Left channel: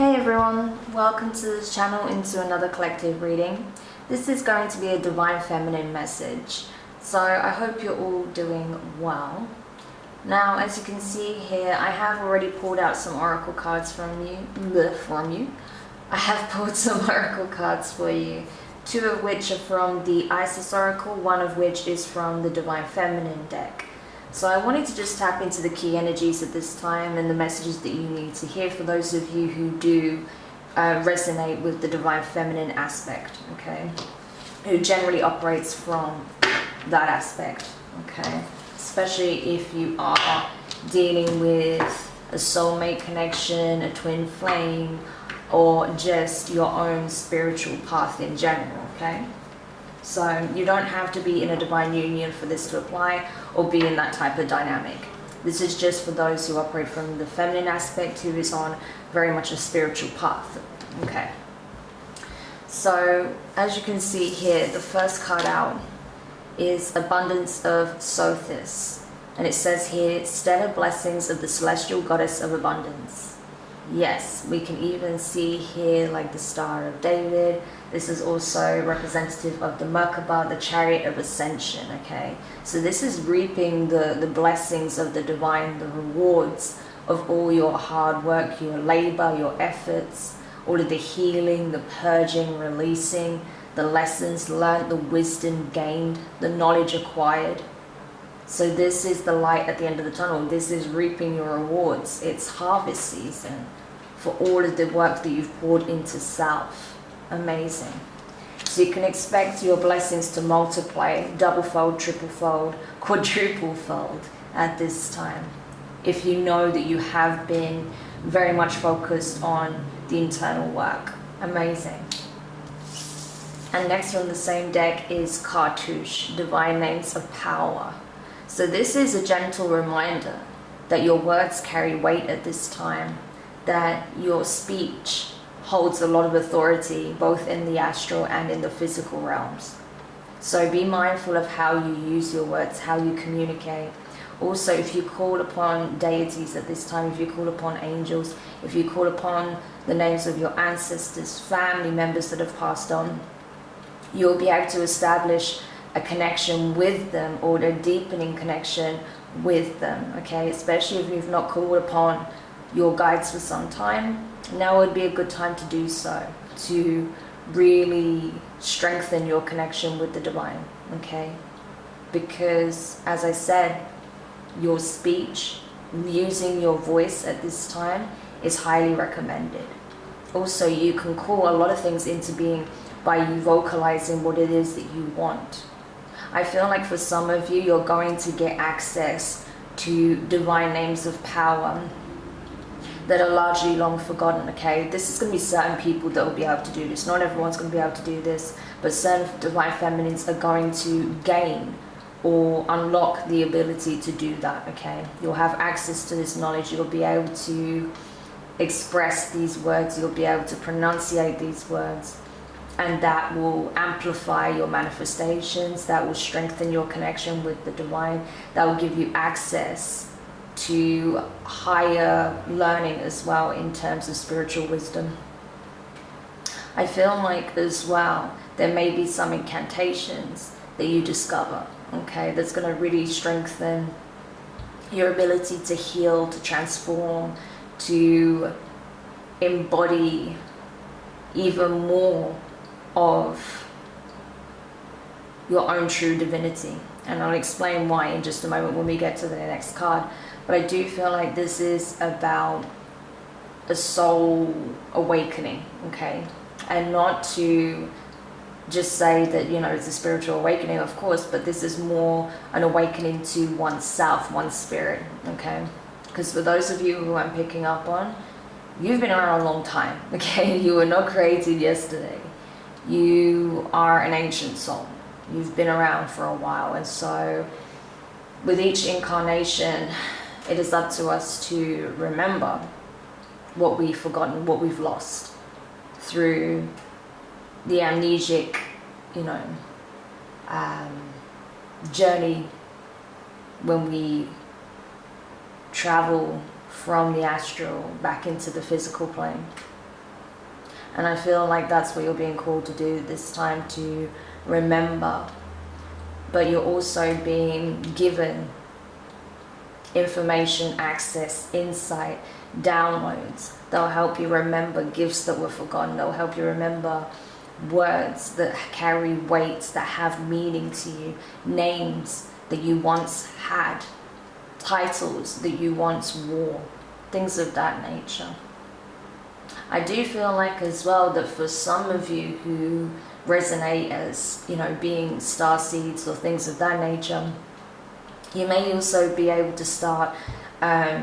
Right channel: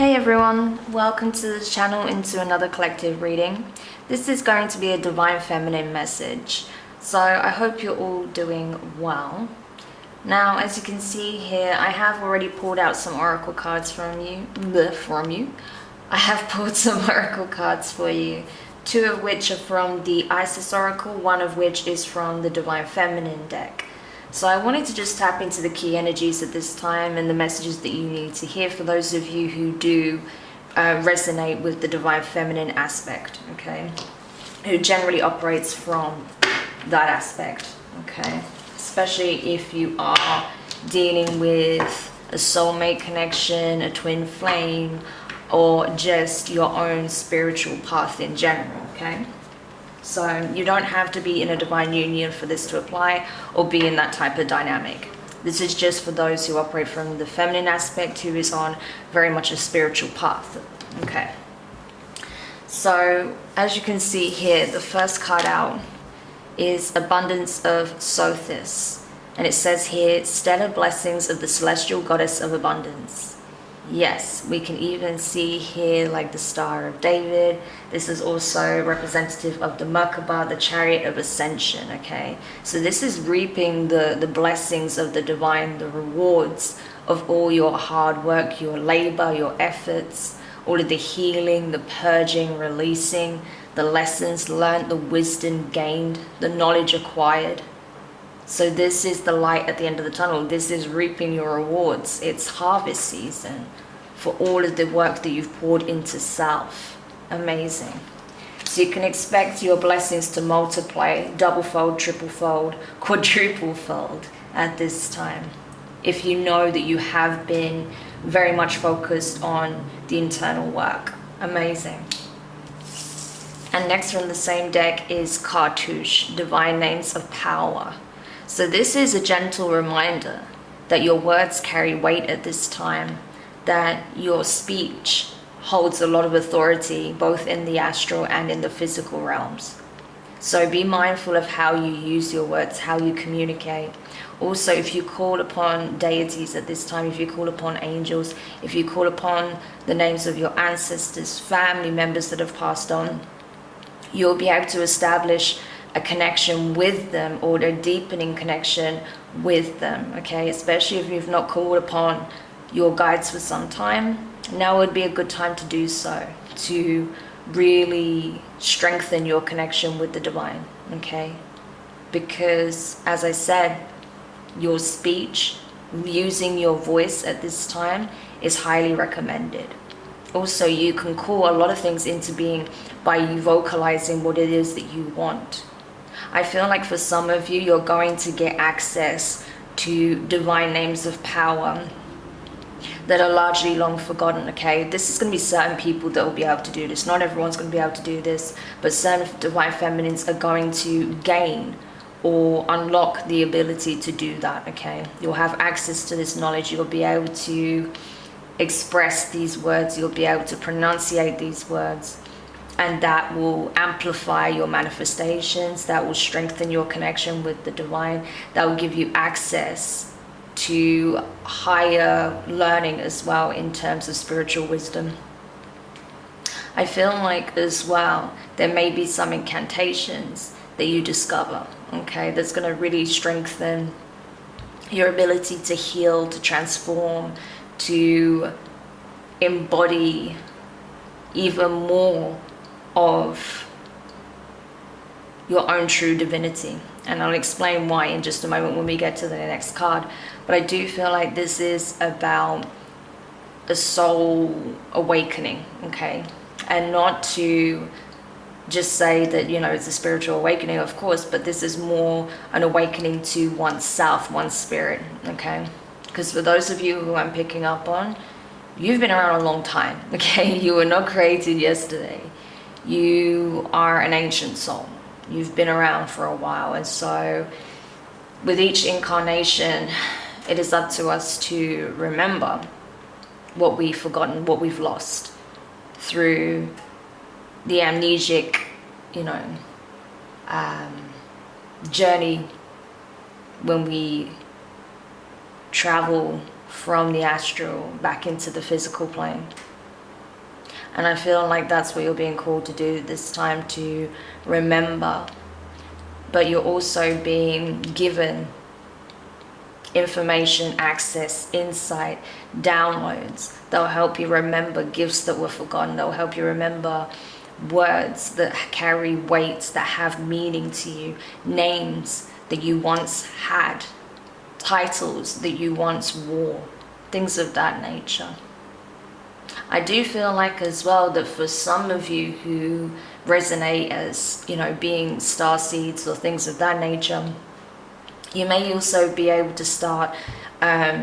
Hey everyone, welcome to the channel into another collective reading. This is going to be a Divine Feminine message, so I hope you're all doing well. Now, as you can see here, I have already pulled out some oracle cards from you. I have pulled some oracle cards for you, two of which are from the Isis Oracle, one of which is from the Divine Feminine deck. So I wanted to just tap into the key energies at this time and the messages that you need to hear for those of you who do resonate with the Divine Feminine aspect, okay? Who generally operates from that aspect, okay? Especially if you are dealing with a soulmate connection, a twin flame, or just your own spiritual path in general, okay? So you don't have to be in a divine union for this to apply or be in that type of dynamic. This is just for those who operate from the feminine aspect, who is on very much a spiritual path. Okay. So as you can see here, the first card out is Abundance of Sothis. And it says here, stellar blessings of the celestial goddess of abundance. Yes, we can even see here like the Star of David. This is also representative of the Merkaba, the Chariot of Ascension, okay? So this is reaping the blessings of the divine, the rewards of all your hard work, your labor, your efforts, all of the healing, the purging, releasing, the lessons learned, the wisdom gained, the knowledge acquired. So this is the light at the end of the tunnel. This is reaping your rewards. It's harvest season for all of the work that you've poured into self. Amazing. So you can expect your blessings to multiply, double fold, triple fold, quadruple fold at this time. If you know that you have been very much focused on the internal work. Amazing. And next from the same deck is Cartouche, Divine Names of Power. So this is a gentle reminder that your words carry weight at this time, that your speech holds a lot of authority, both in the astral and in the physical realms. So be mindful of how you use your words, how you communicate. Also, if you call upon deities at this time, if you call upon angels, if you call upon the names of your ancestors, family members that have passed on, you'll be able to establish a connection with them, or a deepening connection with them, okay? Especially if you've not called upon your guides for some time, now would be a good time to do so, to really strengthen your connection with the divine, okay? Because, as I said, your speech, using your voice at this time is highly recommended. Also, you can call a lot of things into being by you vocalizing what it is that you want. I feel like for some of you, you're going to get access to divine names of power that are largely long forgotten, okay? This is going to be certain people that will be able to do this. Not everyone's going to be able to do this, but certain divine feminines are going to gain or unlock the ability to do that, okay? You'll have access to this knowledge. You'll be able to express these words. You'll be able to pronunciate these words. And that will amplify your manifestations, that will strengthen your connection with the divine, that will give you access to higher learning as well in terms of spiritual wisdom. I feel like as well, there may be some incantations that you discover, okay, that's going to really strengthen your ability to heal, to transform, to embody even more of your own true divinity. And I'll explain why in just a moment when we get to the next card. But I do feel like this is about a soul awakening, okay? And not to just say that, you know, it's a spiritual awakening, of course, but this is more an awakening to oneself, one's spirit, okay? Because for those of you who I'm picking up on, you've been around a long time, okay? You were not created yesterday. You are an ancient soul. You've been around for a while. And so with each incarnation, it is up to us to remember what we've forgotten, what we've lost through the amnesic, you know, journey when we travel from the astral back into the physical plane. And I feel like that's what you're being called to do this time, to remember. But you're also being given information, access, insight, downloads that will help you remember gifts that were forgotten, that will help you remember words that carry weight, that have meaning to you, names that you once had, titles that you once wore, things of that nature. I do feel like as well that for some of you who resonate as, you know, being star seeds or things of that nature, you may also be able to start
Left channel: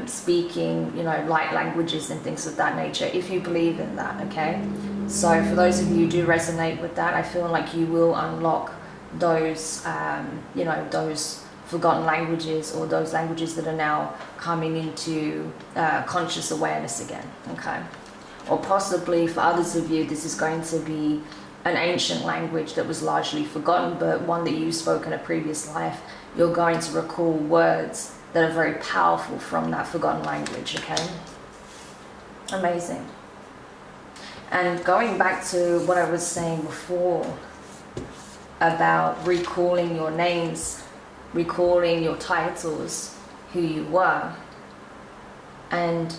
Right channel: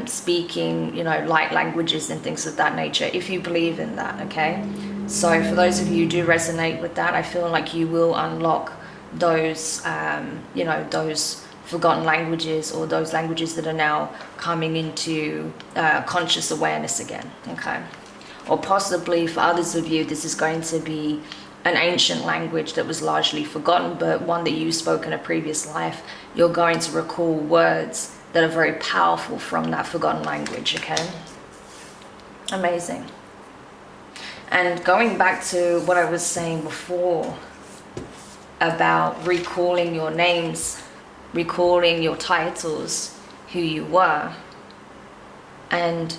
speaking, you know, light languages and things of that nature, if you believe in that, okay? So for those of you who do resonate with that, I feel like you will unlock those, you know, those forgotten languages, or those languages that are now coming into conscious awareness again, okay? Or possibly for others of you, this is going to be an ancient language that was largely forgotten, but one that you spoke in a previous life. You're going to recall words that are very powerful from that forgotten language, okay? Amazing. And going back to what I was saying before about recalling your names, recalling your titles, who you were, and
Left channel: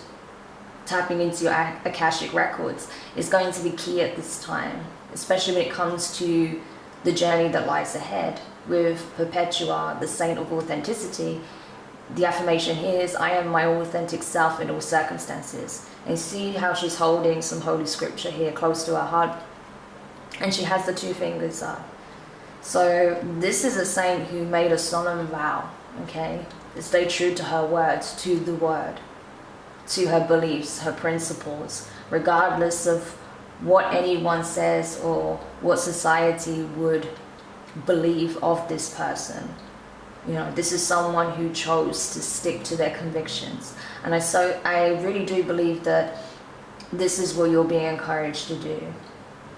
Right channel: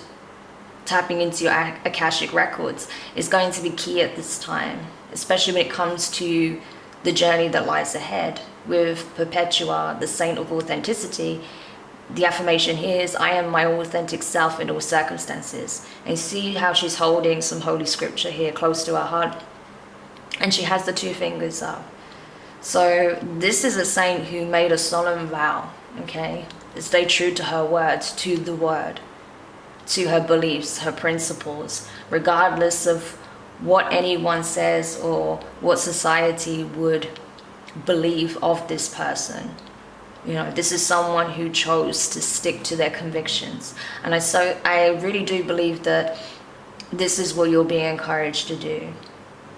tapping into your Akashic records is going to be key at this time, especially when it comes to the journey that lies ahead. With Perpetua, the Saint of Authenticity, the affirmation here is, I am my authentic self in all circumstances. And you see how she's holding some holy scripture here close to her heart, and she has the two fingers up. So this is a saint who made a solemn vow, okay, to stay true to her words, to the word, to her beliefs, her principles, regardless of what anyone says or what society would believe of this person. You know, this is someone who chose to stick to their convictions. And I really do believe that this is what you're being encouraged to do,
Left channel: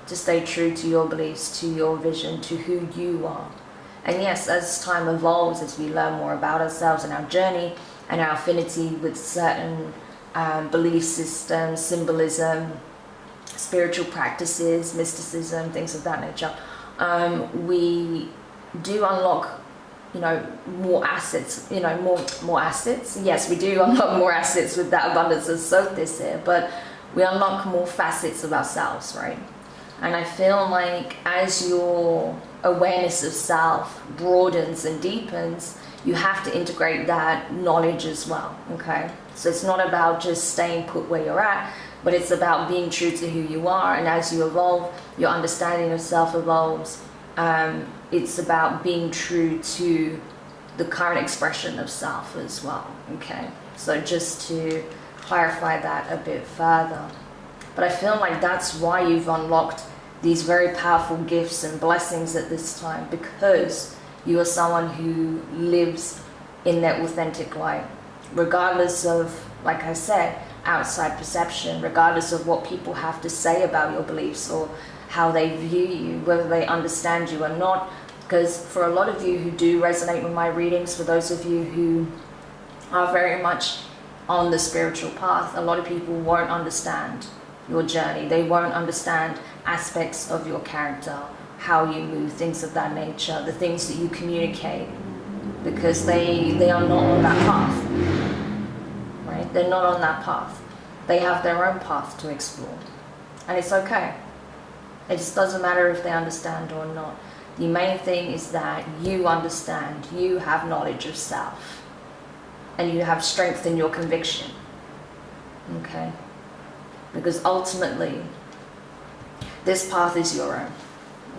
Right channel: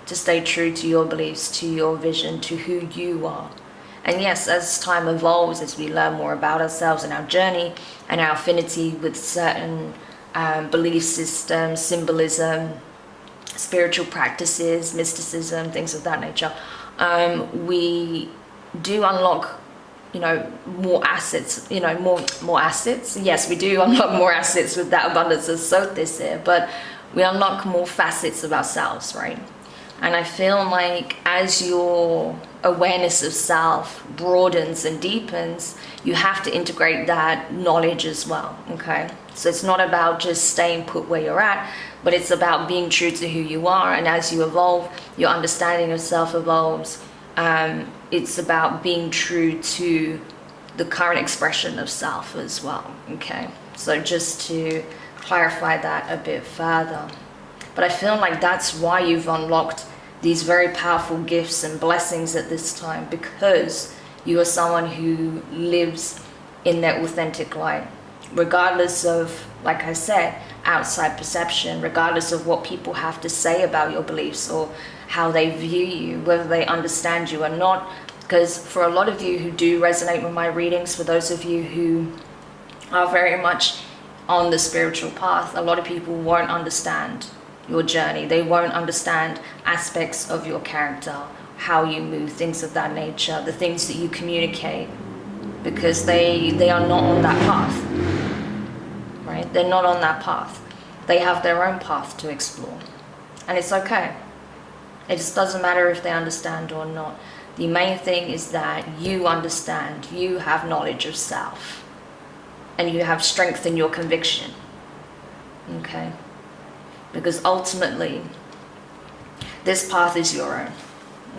to stay true to your beliefs, to your vision, to who you are. And yes, as time evolves, as we learn more about ourselves and our journey and our affinity with certain belief systems, symbolism, spiritual practices, mysticism, things of that nature, we do unlock, you know, more assets, you know, more assets. Yes, we do unlock more assets with that abundance of Sothis here, but we unlock more facets of ourselves, right? And I feel like as your awareness of self broadens and deepens, you have to integrate that knowledge as well, okay? So it's not about just staying put where you're at, but it's about being true to who you are. And as you evolve, your understanding of self evolves. It's about being true to the current expression of self as well, okay? So just to clarify that a bit further. But I feel like that's why you've unlocked these very powerful gifts and blessings at this time, because you are someone who lives in their authentic light, regardless of, like I said, outside perception, regardless of what people have to say about your beliefs or how they view you, whether they understand you or not. Because for a lot of you who do resonate with my readings, for those of you who are very much on the spiritual path, a lot of people won't understand your journey. They won't understand aspects of your character, how you move, things of that nature, the things that you communicate, because they are not on that path, right? They're not on that path. They have their own path to explore, and it's okay. It just doesn't matter if they understand or not. The main thing is that you understand, you have knowledge of self, and you have strength in your conviction, okay? Because ultimately, this path is your own,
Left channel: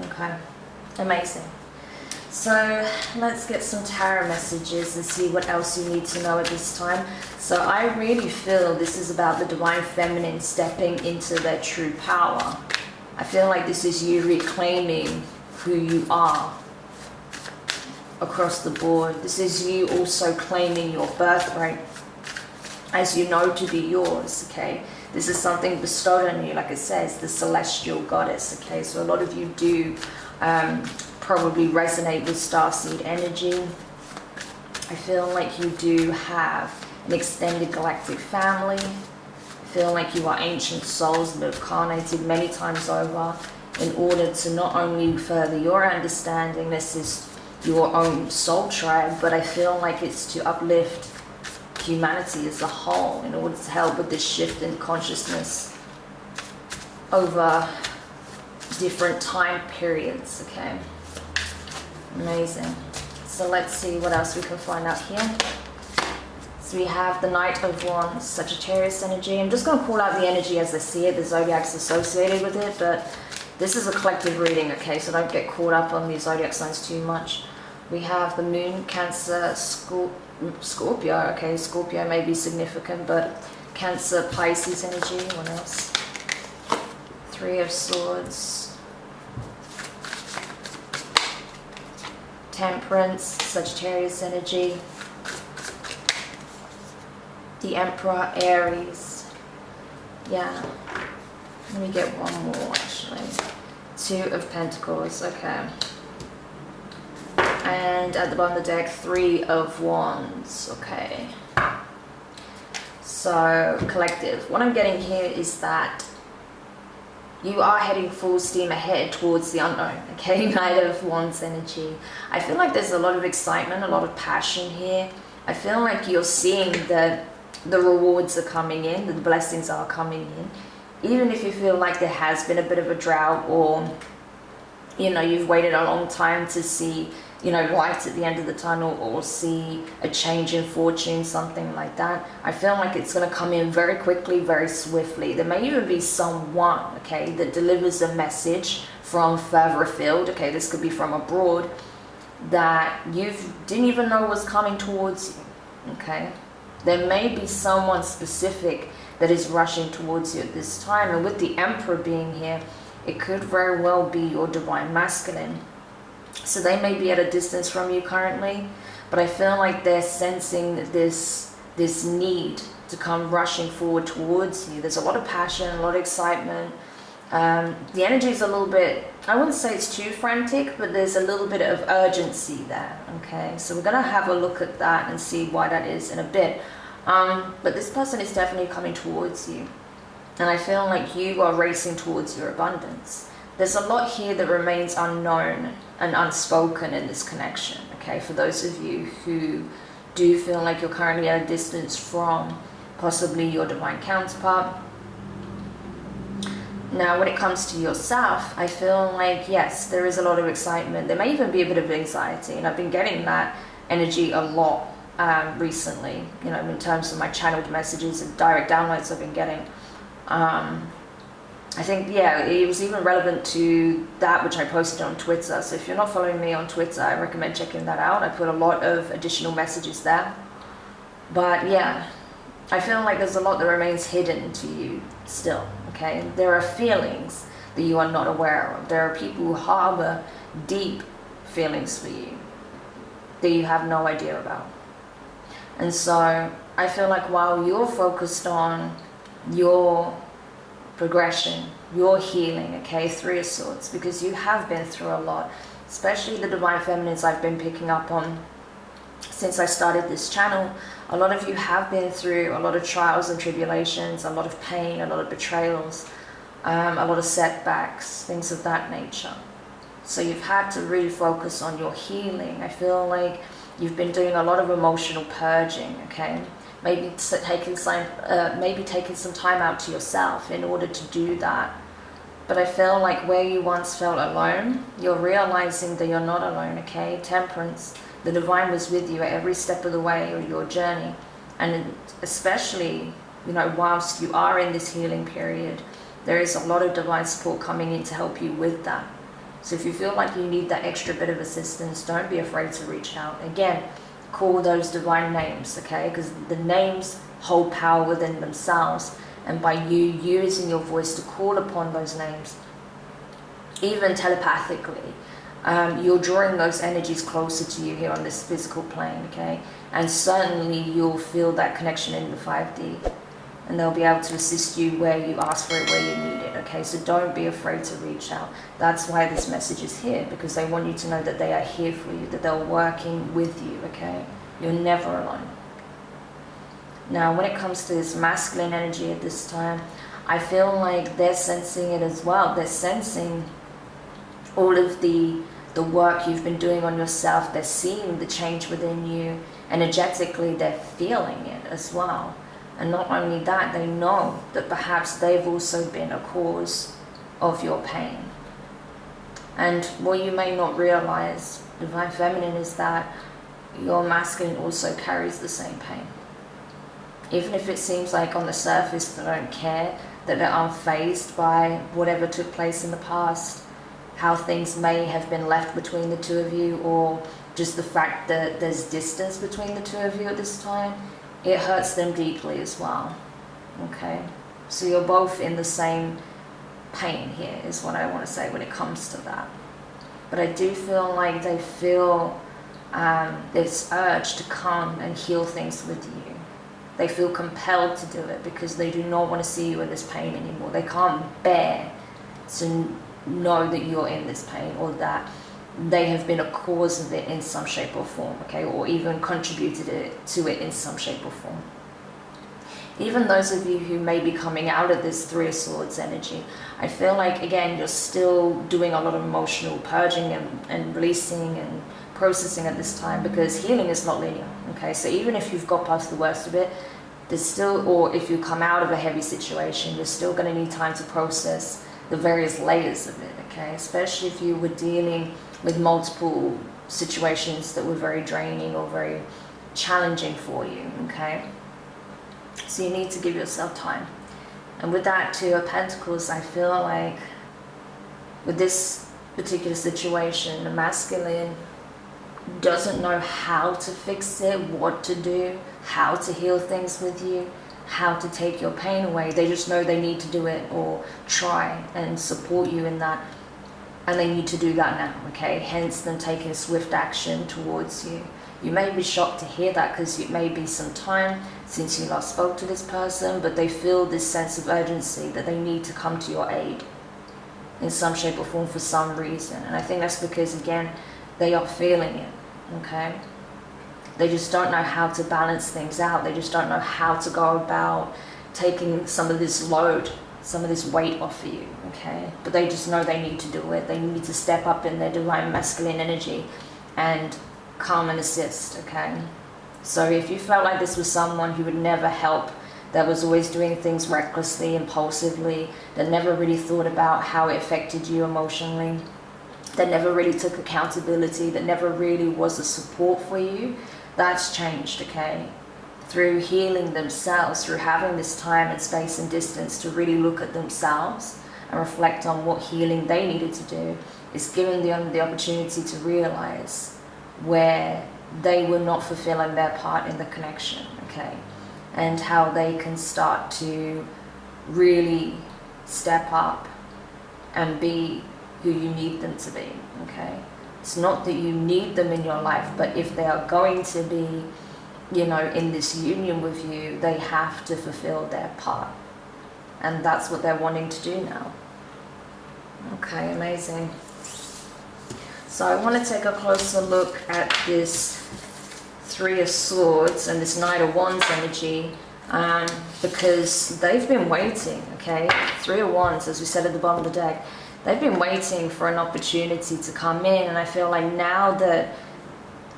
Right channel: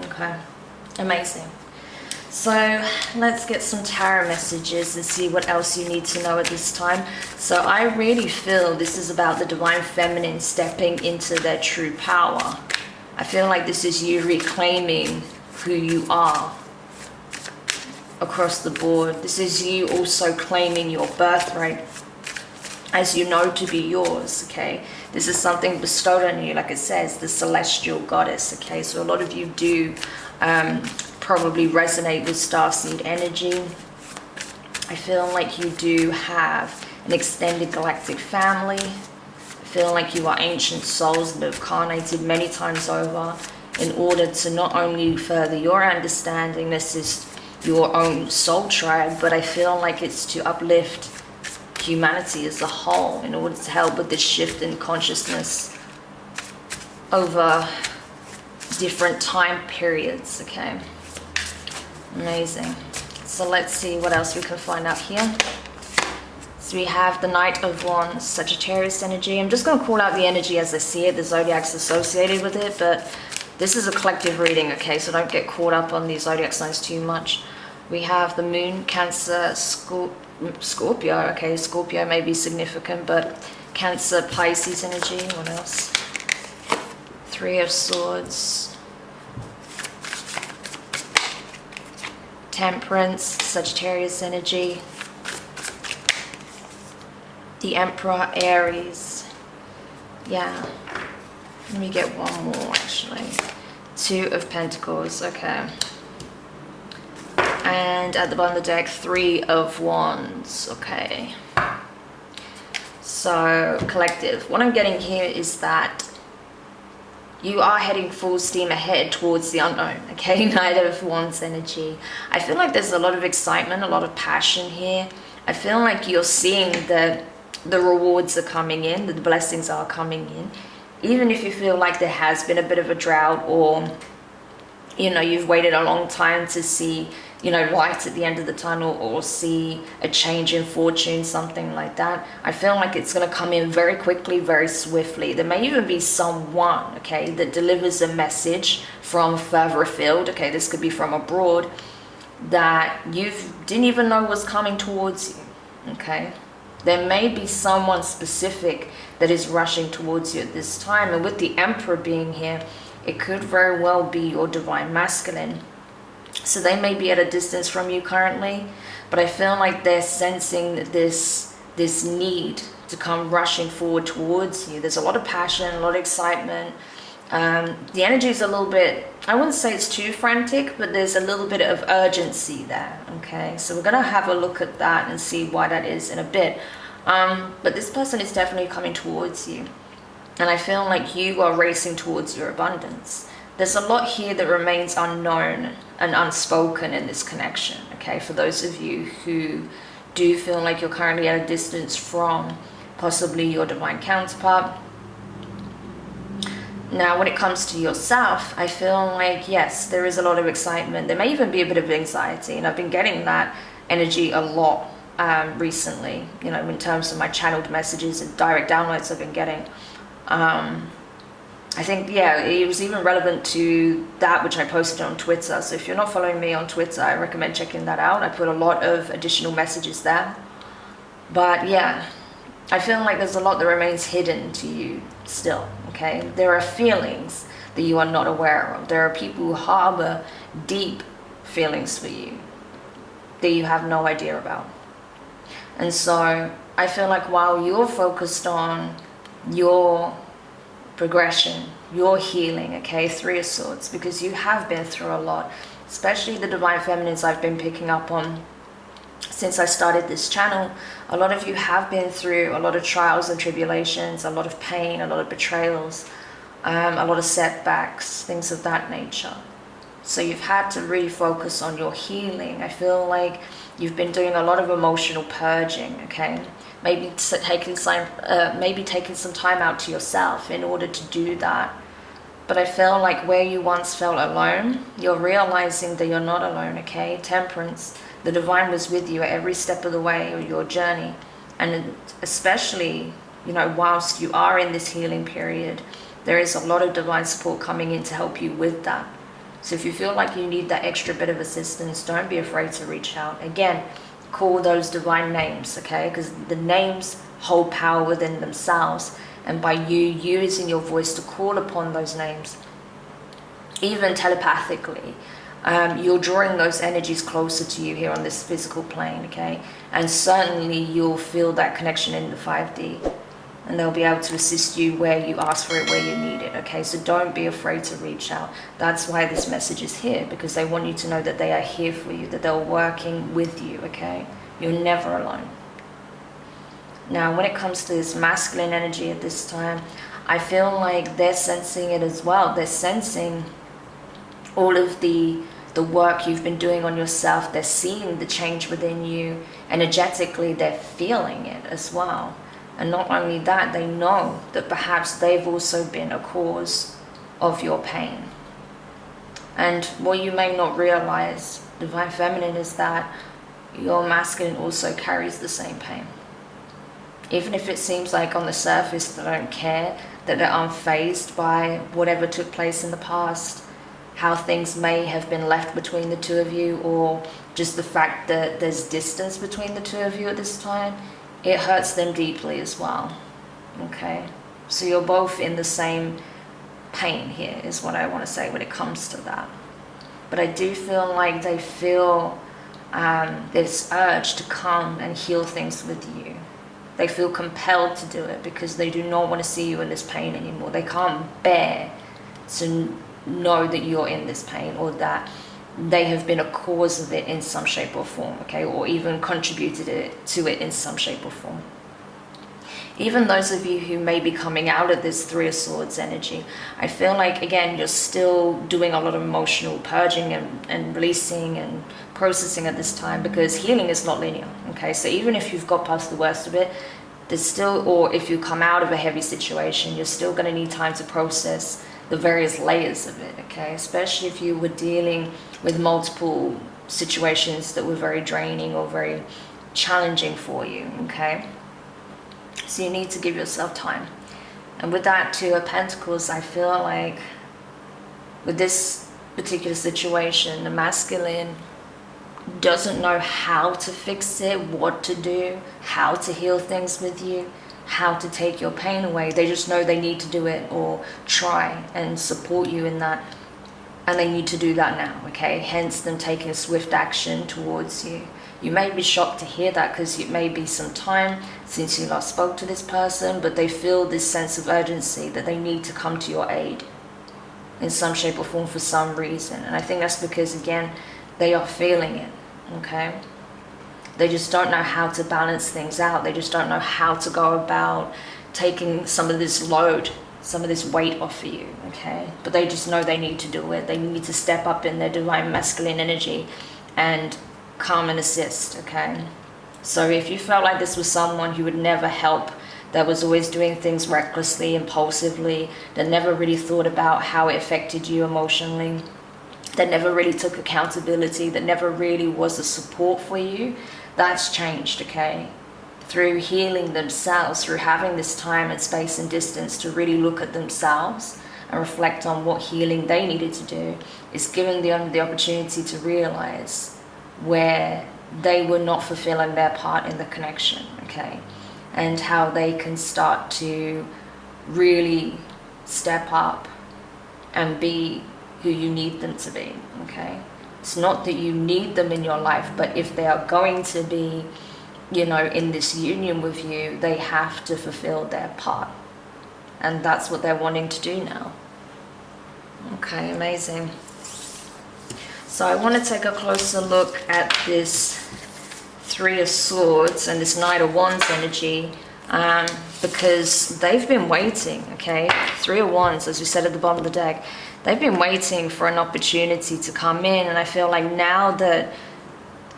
okay? Amazing. So let's get some tarot messages and see what else you need to know at this time. So I really feel this is about the Divine Feminine stepping into their true power. I feel like this is you reclaiming who you are across the board. This is you also claiming your birthright as you know to be yours, okay? This is something bestowed on you, like it says, the celestial goddess, okay? So a lot of you do probably resonate with starseed energy. I feel like you do have an extended galactic family. I feel like you are ancient souls that have carnated many times over in order to not only further your understanding, this is your own soul tribe, but I feel like it's to uplift humanity as a whole in order to help with this shift in consciousness over different time periods. Okay, amazing. So let's see what else we can find out here. So we have the Knight of Wands, Sagittarius energy. I'm just going to call out the energy as I see it, the zodiacs associated with it, but this is a collective reading, okay, so don't get caught up on the zodiac signs too much. We have the Moon, Cancer, Scorpio. Okay, Scorpio may be significant, but Cancer, Pisces energy. What else? Three of Swords. Temperance, Sagittarius energy. The Emperor, Aries. Yeah. Let me get one more, actually. Two of Pentacles. Okay. And at the bottom of the deck, Three of Wands. Okay. So, collective. What I'm getting here is that you are heading full steam ahead towards the unknown. Okay, Knight of Wands energy. I feel like there's a lot of excitement, a lot of passion here. I feel like you're seeing that the rewards are coming in, the blessings are coming in. Even if you feel like there has been a bit of a drought, or, you know, you've waited a long time to see, you know, light at the end of the tunnel, or see a change in fortune, something like that. I feel like it's going to come in very quickly, very swiftly. There may even be someone, okay, that delivers a message from further afield. Okay, this could be from abroad that you didn't even know was coming towards you. Okay, there may be someone specific that is rushing towards you at this time. And with the Emperor being here, it could very well be your divine masculine. So they may be at a distance from you currently, but I feel like they're sensing this need to come rushing forward towards you. There's a lot of passion, a lot of excitement. The energy is a little bit, I wouldn't say it's too frantic, but there's a little bit of urgency there. Okay, so we're going to have a look at that and see why that is in a bit. But this person is definitely coming towards you, and I feel like you are racing towards your abundance. There's a lot here that remains unknown and unspoken in this connection, okay? For those of you who do feel like you're currently at a distance from possibly your divine counterpart. Now, when it comes to yourself, I feel like, yes, there is a lot of excitement. There may even be a bit of anxiety, and I've been getting that energy a lot recently, you know, in terms of my channeled messages and direct downloads I've been getting. I think, yeah, it was even relevant to that which I posted on Twitter. So if you're not following me on Twitter, I recommend checking that out. I put a lot of additional messages there. But yeah, I feel like there's a lot that remains hidden to you still, okay? There are feelings that you are not aware of. There are people who harbor deep feelings for you that you have no idea about. And so I feel like while you're focused on your progression, your healing, okay, Three of Swords, because you have been through a lot, especially the Divine Feminines I've been picking up on since I started this channel. A lot of you have been through a lot of trials and tribulations, a lot of pain, a lot of betrayals, a lot of setbacks, things of that nature. So you've had to really focus on your healing. I feel like you've been doing a lot of emotional purging, okay? Maybe taking some time out to yourself in order to do that. But I feel like where you once felt alone, you're realizing that you're not alone, okay? Temperance, the divine was with you at every step of the way of your journey. And especially, you know, whilst you are in this healing period, there is a lot of divine support coming in to help you with that. So if you feel like you need that extra bit of assistance, don't be afraid to reach out. Again, call those divine names, okay? Because the names hold power within themselves. And by you using your voice to call upon those names, even telepathically, you're drawing those energies closer to you here on this physical plane, okay? And certainly you'll feel that connection in the 5D. And they'll be able to assist you where you ask for it, where you need it, okay? So don't be afraid to reach out. That's why this message is here, because they want you to know that they are here for you, that they're working with you, okay? You're never alone. Now, when it comes to this masculine energy at this time, I feel like they're sensing it as well. They're sensing all of the work you've been doing on yourself. They're seeing the change within you. Energetically, they're feeling it as well. And not only that, they know that perhaps they've also been a cause of your pain. And what you may not realize, Divine Feminine, is that your masculine also carries the same pain. Even if it seems like on the surface they don't care, that they're unfazed by whatever took place in the past, how things may have been left between the two of you, or just the fact that there's distance between the two of you at this time, it hurts them deeply as well. Okay? So you're both in the same pain here, is what I want to say when it comes to that. But I do feel like they feel this urge to come and heal things with you. They feel compelled to do it because they do not want to see you in this pain anymore. They can't bear to know that you're in this pain, or that they have been a cause of it in some shape or form, okay, or even contributed to it in some shape or form. Even those of you who may be coming out of this Three of Swords energy, I feel like, again, you're still doing a lot of emotional purging and releasing and processing at this time, because healing is not linear, okay? So even if you've got past the worst of it, there's still, or if you come out of a heavy situation, you're still going to need time to process the various layers of it, okay? Especially if you were dealing with multiple situations that were very draining or very challenging for you, okay? So you need to give yourself time. And with that Two of Pentacles, I feel like with this particular situation, the masculine doesn't know how to fix it, what to do, how to heal things with you, how to take your pain away. They just know they need to do it, or try and support you in that. And they need to do that now, okay? Hence them taking swift action towards you. You may be shocked to hear that, because it may be some time since you last spoke to this person, but they feel this sense of urgency that they need to come to your aid in some shape or form for some reason. And I think that's because, again, they are feeling it, okay? They just don't know how to balance things out. They just don't know how to go about taking some of this load, some of this weight off of you, okay? But they just know they need to do it. They need to step up in their divine masculine energy and come and assist, okay? So if you felt like this was someone who would never help, that was always doing things recklessly, impulsively, that never really thought about how it affected you emotionally, that never really took accountability, that never really was a support for you, that's changed, okay? Through healing themselves, through having this time and space and distance to really look at themselves and reflect on what healing they needed to do, is giving them the opportunity to realize where they were not fulfilling their part in the connection, okay? And how they can start to really step up and be who you need them to be, okay? It's not that you need them in your life, but if they are going to be, you know, in this union with you, they have to fulfill their part. And that's what they're wanting to do now. Okay, amazing. So I want to take a closer look at this Three of Swords and this Knight of Wands energy, because they've been waiting, okay? Three of Wands, as we said at the bottom of the deck, they've been waiting for an opportunity to come in, and I feel like now that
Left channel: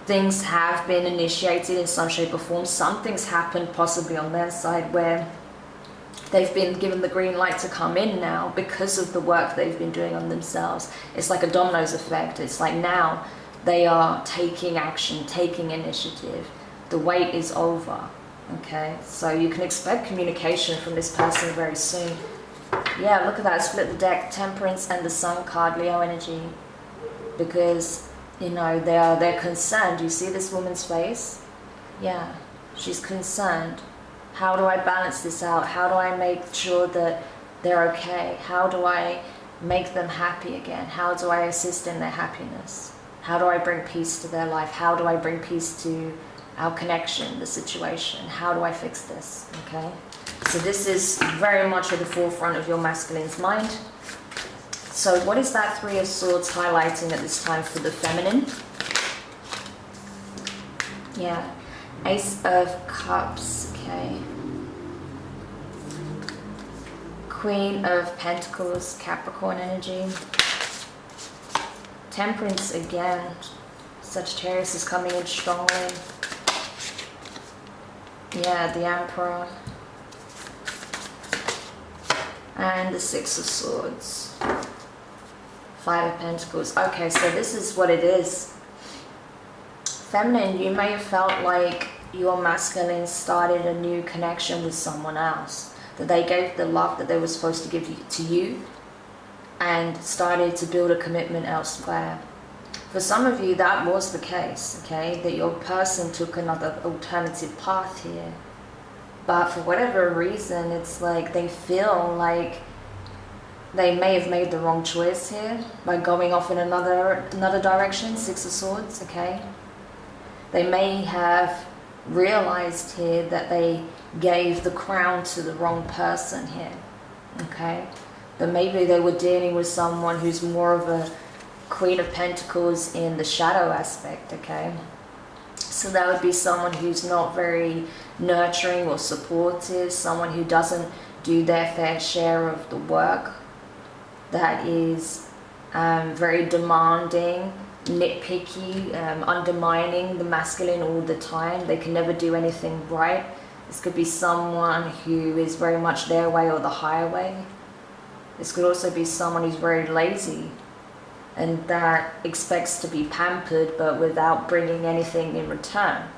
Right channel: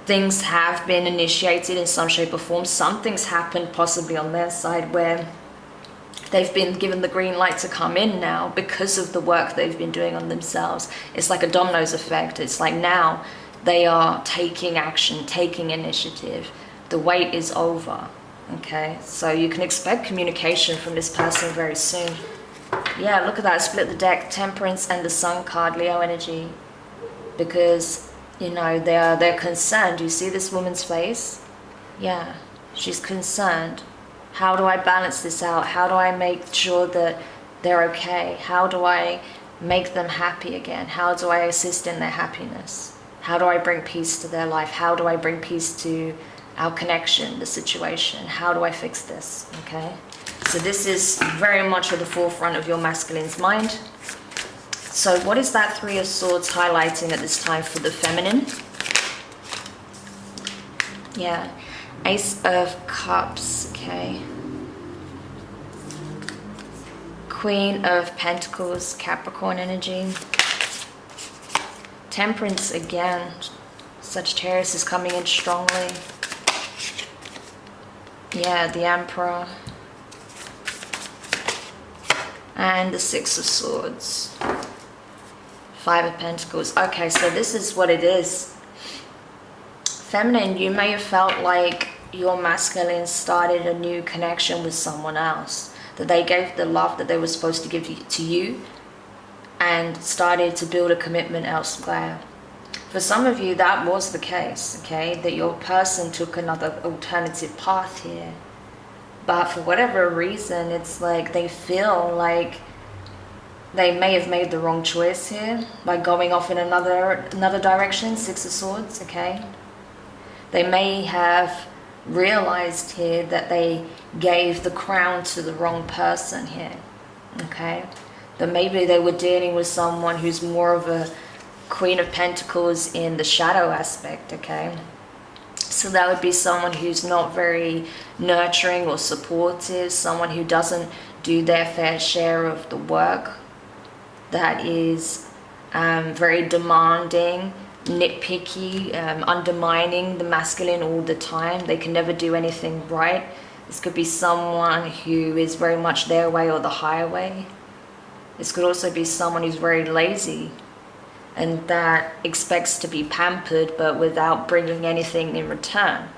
things have been initiated in some shape or form, something's happened possibly on their side where they've been given the green light to come in now because of the work they've been doing on themselves. It's like a dominoes effect. It's like now they are taking action, taking initiative. The wait is over, okay? So you can expect communication from this person very soon. Yeah, look at that, split the deck, Temperance and the Sun card, Leo energy. Because, you know, they're concerned. You see this woman's face? Yeah, she's concerned. How do I balance this out? How do I make sure that they're okay? How do I make them happy again? How do I assist in their happiness? How do I bring peace to their life? How do I bring peace to our connection, the situation? How do I fix this, okay? So this is very much at the forefront of your masculine's mind. So what is that Three of Swords highlighting at this time for the feminine? Yeah, Ace of Cups. Okay. Queen of Pentacles, Capricorn energy. Temperance again. Sagittarius is coming in strongly. Yeah, the Emperor. And the Six of Swords. Five of Pentacles. Okay, so this is what it is. Feminine, you may have felt like your masculine started a new connection with someone else. That they gave the love that they were supposed to give to you and started to build a commitment elsewhere. For some of you, that was the case, okay? That your person took another alternative path here. But for whatever reason, it's like they feel like they may have made the wrong choice here by going off in another direction, Six of Swords, okay? They may have realized here that they gave the crown to the wrong person here, okay? That maybe they were dealing with someone who's more of a Queen of Pentacles in the shadow aspect, okay? So that would be someone who's not very nurturing or supportive, someone who doesn't do their fair share of the work, that is very demanding, nitpicky, undermining the masculine all the time. They can never do anything right. This could be someone who is very much their way or the highway. This could also be someone who's very lazy and that expects to be pampered but without bringing anything in return.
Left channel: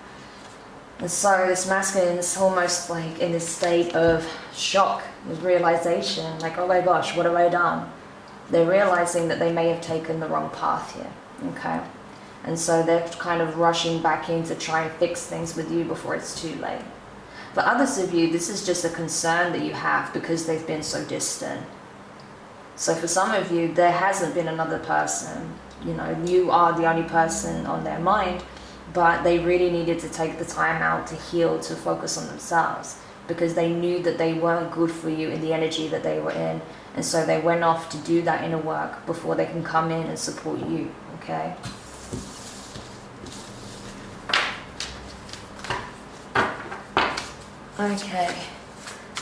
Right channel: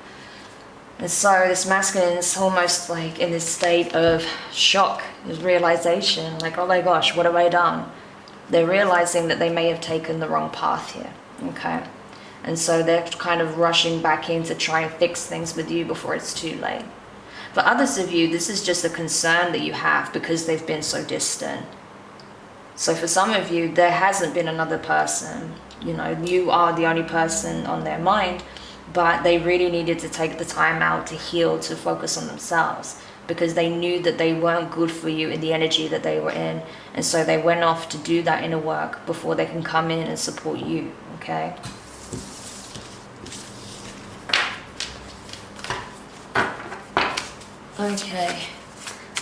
And so this masculine is almost like in this state of shock, this realization, like, oh my gosh, what have I done? They're realizing that they may have taken the wrong path here, okay? And so they're kind of rushing back in to try and fix things with you before it's too late. For others of you, this is just a concern that you have because they've been so distant. So for some of you, there hasn't been another person. You know, you are the only person on their mind, but they really needed to take the time out to heal, to focus on themselves, because they knew that they weren't good for you in the energy that they were in. And so they went off to do that inner work before they can come in and support you, okay? Okay.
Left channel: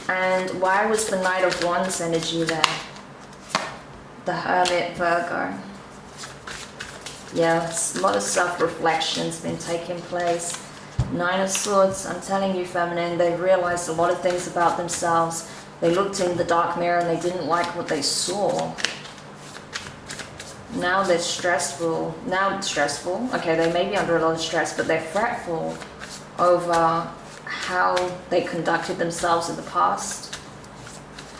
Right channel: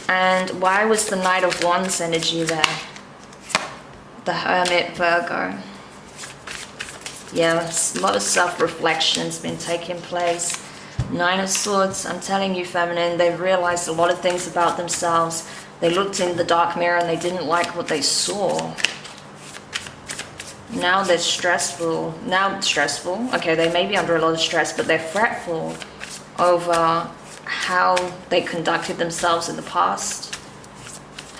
And why was the Knight of Wands energy there? The Hermit, Virgo. Yes, a lot of self-reflection's been taking place. Nine of Swords, I'm telling you, feminine, they've realized a lot of things about themselves. They looked in the dark mirror and they didn't like what they saw. Now they're stressful. Okay, they may be under a lot of stress, but they're fretful over how they conducted themselves in the past,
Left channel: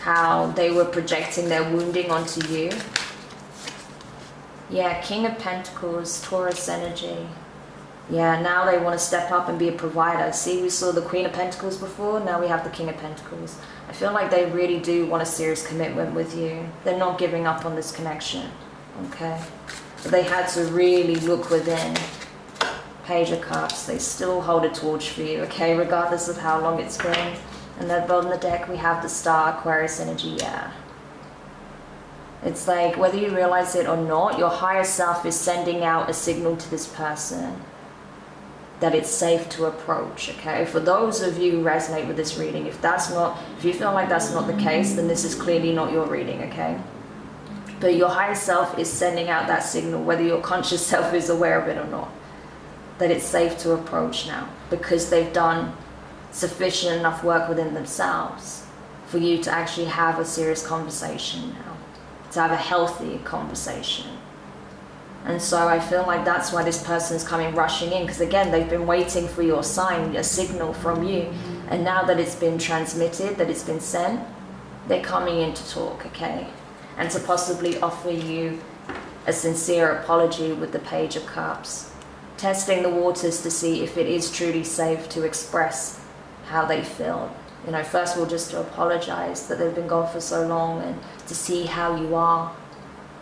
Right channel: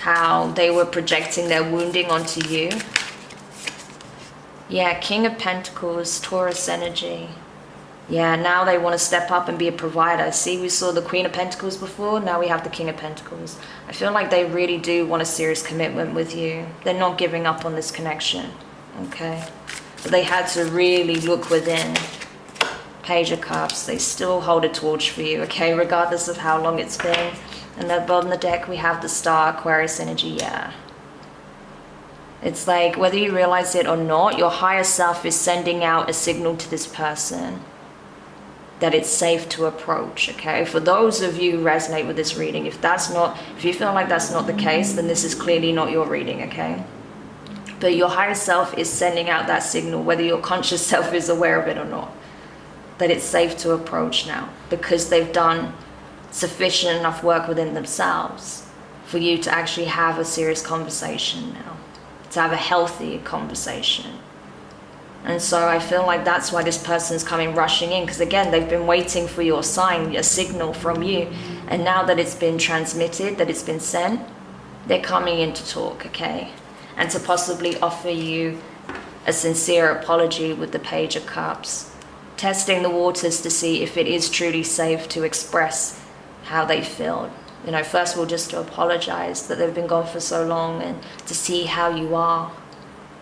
how they were projecting their wounding onto you. Yeah, King of Pentacles, Taurus energy. Yeah, now they want to step up and be a provider. See, we saw the Queen of Pentacles before, now we have the King of Pentacles. I feel like they really do want a serious commitment with you. They're not giving up on this connection, okay? But they had to really look within. Page of Cups, they still hold a torch for you, okay, regardless of how long it's been. And at the bottom of the deck, we have the Star, Aquarius energy, yeah. It's like, whether you realize it or not, your higher self is sending out a signal to this person that it's safe to approach, okay? For those of you who resonate with this reading, if you feel like that's not the case, then this is clearly not your reading, okay? But your higher self is sending out that signal, whether your conscious self is aware of it or not, that it's safe to approach now, because they've done sufficient enough work within themselves for you to actually have a serious conversation now, to have a healthy conversation. And so I feel like that's why this person's coming rushing in, because again, they've been waiting for your sign, a signal from you, and now that it's been transmitted, that it's been sent, they're coming in to talk, okay? And to possibly offer you a sincere apology with the Page of Cups, testing the waters to see if it is truly safe to express how they feel. You know, first of all, just to apologize that they've been gone for so long and to see how you are.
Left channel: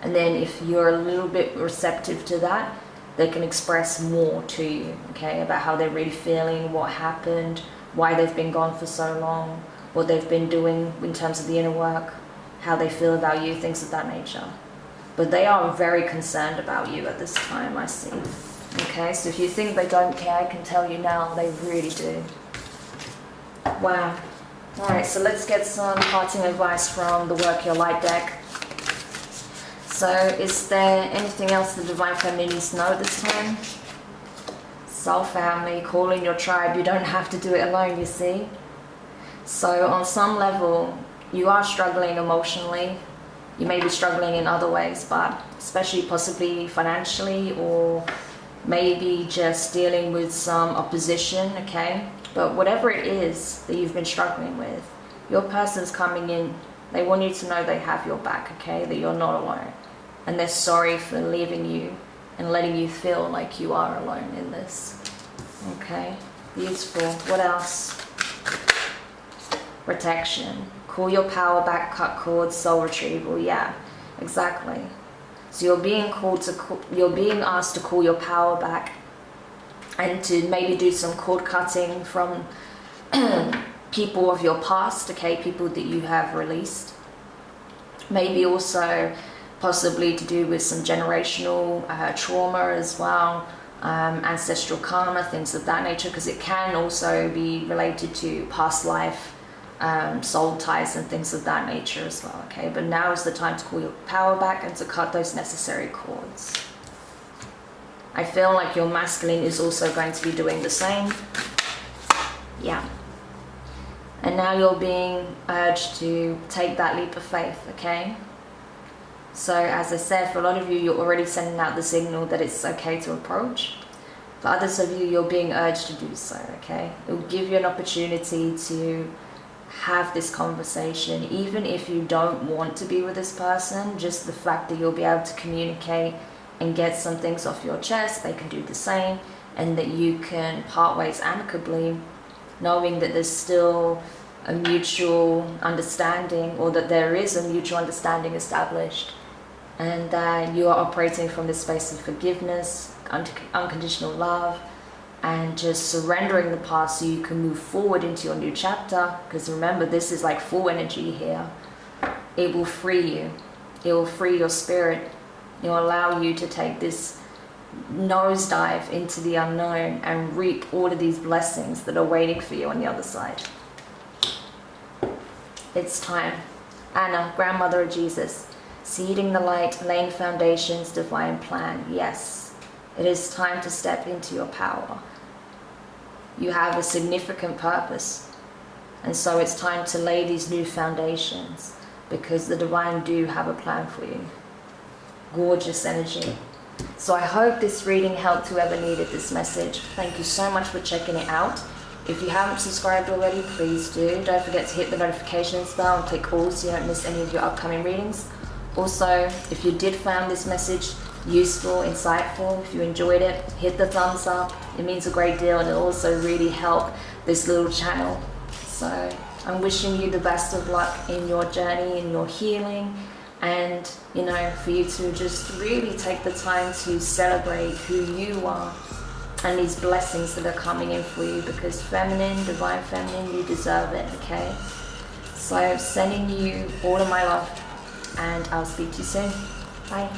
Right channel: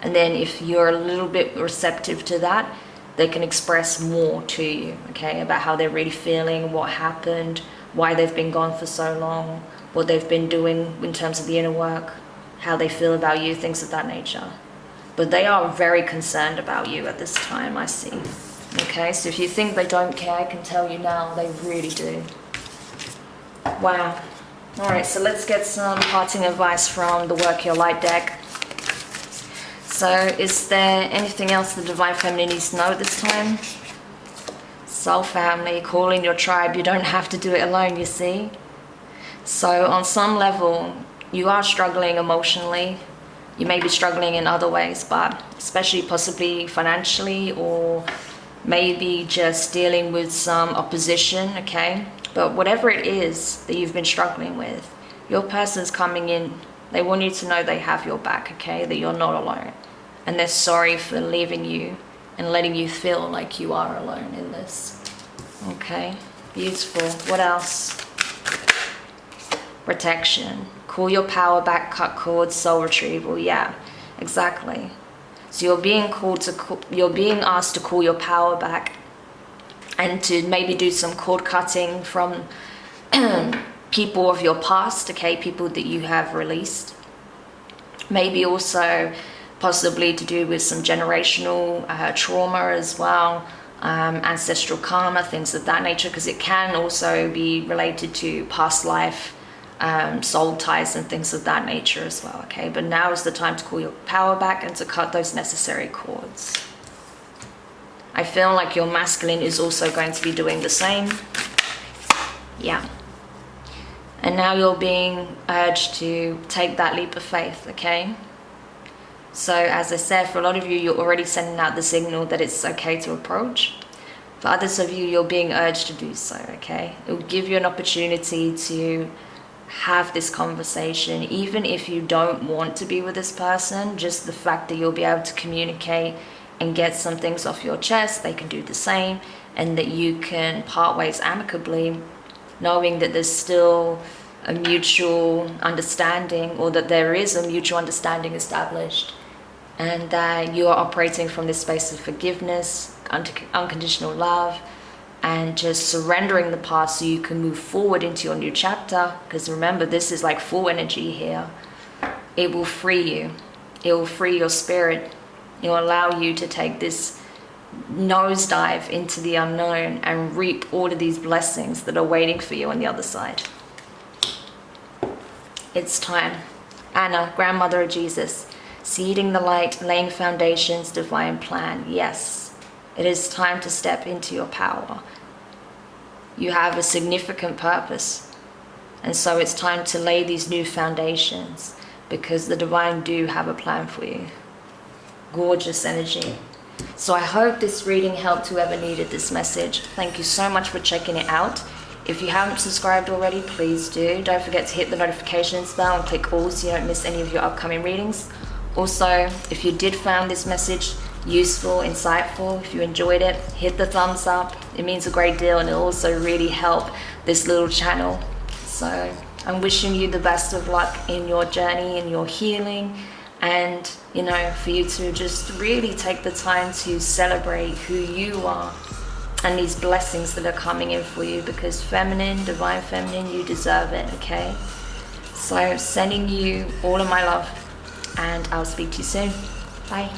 And then if you're a little bit receptive to that, they can express more to you, okay, about how they're really feeling, what happened, why they've been gone for so long, what they've been doing in terms of the inner work, how they feel about you, things of that nature. But they are very concerned about you at this time, I see. Okay, so if you think they don't care, I can tell you now, they really do. Wow. Alright, so let's get some parting advice from the Work Your Light deck. So, is there anything else the Divine Feminine needs to know this time? Soul family, call in your tribe. You don't have to do it alone, you see. So, on some level, you are struggling emotionally. You may be struggling in other ways, but especially possibly financially, or maybe just dealing with some opposition, okay? But whatever it is that you've been struggling with, your person's coming in. They want you to know they have your back, okay? That you're not alone. And they're sorry for leaving you and letting you feel like you are alone in this. Okay, beautiful. What else? Protection. Call your power back, cut cords, soul retrieval. Yeah, exactly. So you're being asked to call your power back, and to maybe do some cord cutting from people of your past, okay, people that you have released. Maybe also possibly to do with some generational trauma as well, ancestral karma, things of that nature, because it can also be related to past life, soul ties and things of that nature as well, okay? But now is the time to call your power back and to cut those necessary cords. I feel like your masculine is also going to be doing the same. Yeah. And now you're being urged to take that leap of faith, okay? So as I said, for a lot of you, you're already sending out the signal that it's okay to approach. For others of you, you're being urged to do so, okay? It will give you an opportunity to have this conversation, even if you don't want to be with this person. Just the fact that you'll be able to communicate and get some things off your chest, they can do the same, and that you can part ways amicably, knowing that there's still a mutual understanding, or that there is a mutual understanding established, and that you are operating from this space of forgiveness, unconditional love, and just surrendering the past so you can move forward into your new chapter. Because remember, this is like full energy here. It will free you. It will free your spirit. It will allow you to take this nosedive into the unknown and reap all of these blessings that are waiting for you on the other side. It's time. Anna, grandmother of Jesus, seeding the light, laying foundations, divine plan. Yes, it is time to step into your power. You have a significant purpose, and so it's time to lay these new foundations, because the divine do have a plan for you. Gorgeous energy. So I hope this reading helped whoever needed this message. Thank you so much for checking it out. If you haven't subscribed already, please do. Don't forget to hit the notifications bell and click all so you don't miss any of your upcoming readings. Also, if you did find this message useful, insightful, if you enjoyed it, hit the thumbs up. It means a great deal, and it'll also really help this little channel. So I'm wishing you the best of luck in your journey, in your healing, and for you to just really take the time to celebrate who you are and these blessings that are coming in for you, because feminine, divine feminine, you deserve it, okay? So sending you all of my love, and I'll speak to you soon. Bye.